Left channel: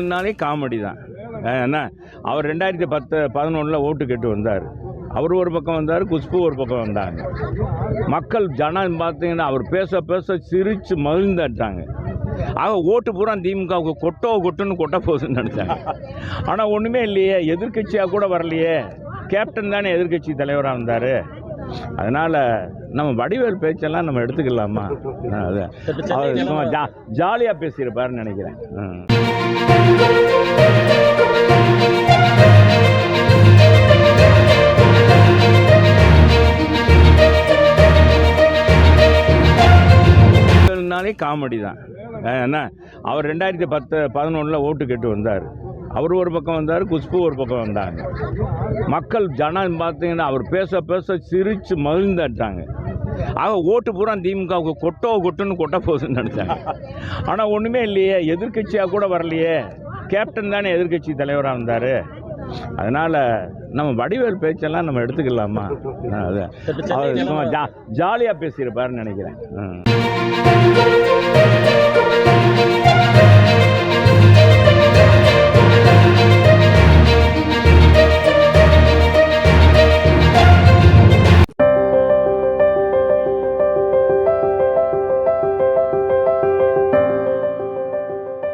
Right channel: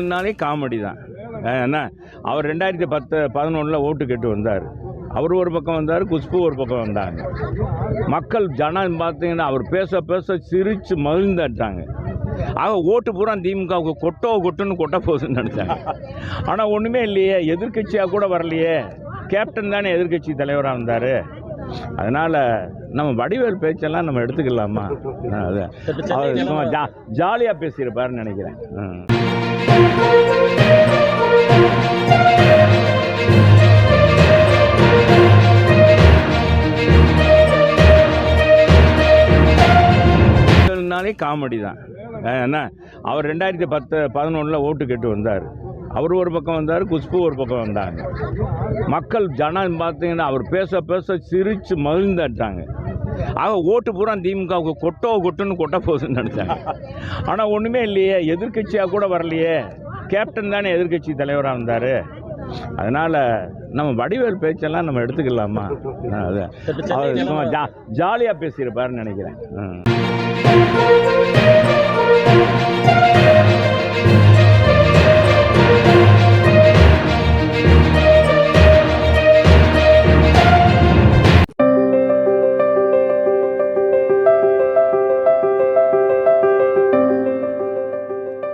நாளே காமெடி தான். என்ன? அவர் ரெண்டாயிரத்தி பத்து பதினொன்றில் ஓட்டு கேட்டு வந்தார். அவர் ஒரு பக்கம் வந்தார் குஷ்பு ஒரு பக்கம் வந்தாங்க. மக்கள் ஜனம் பார்த்தீங்கன்னா அவர் பேச பேச சிரித்து மகிழ்ந்தாட்டாங்க. ஆக ஓட்டு பூரா திமுகவுக்கு கொட்டோ கொட்டுன்னு கொட்ட போகுதுன்னு நினச்சாங்க. ஆனால் ஒன்றுமே இல்லையே எதிர்க்கட்சியாக கூட வரலையே. கேப்டன் தானே எதிர்க்கட்சி தலைவராக வந்தார் அதனால் நம்ம வடிவேல் பேச்செல்லாம் நம்ம எடுத்துக்கலாமா? அது. அவர் ஜா ஜாலியாக பேசியிருப்பாருன்னு நினைக்கிறேன். ம். நாளே காமெடி தான். என்ன? அவர் ரெண்டாயிரத்தி பத்து பதினொன்றில் ஓட்டு கேட்டு வந்தார். அவர் ஒரு பக்கம் வந்தார் குஷ்பு ஒரு பக்கம் வந்தாங்க. மக்கள் ஜனம் பார்த்தீங்கன்னா அவர் பேச பேச சிரித்து மகிழ்ந்தாட்டாங்க. ஆக ஓட்டு பூரா திமுகவுக்கு கொட்டோ கொட்டுன்னு கொட்ட போகுதுன்னு நினச்சாங்க. ஆனால் ஒன்றுமே இல்லையே எதிர்க்கட்சியாக கூட வரலையே. கேப்டன் தானே எதிர்க்கட்சி தலைவராக வந்தார் அதனால் நம்ம வடிவேல் பேச்செல்லாம் நம்ம எடுத்துக்கலாமா? அது. அவர் ஜாலியாக பேசியிருப்பாருன்னு நினைக்கிறேன்.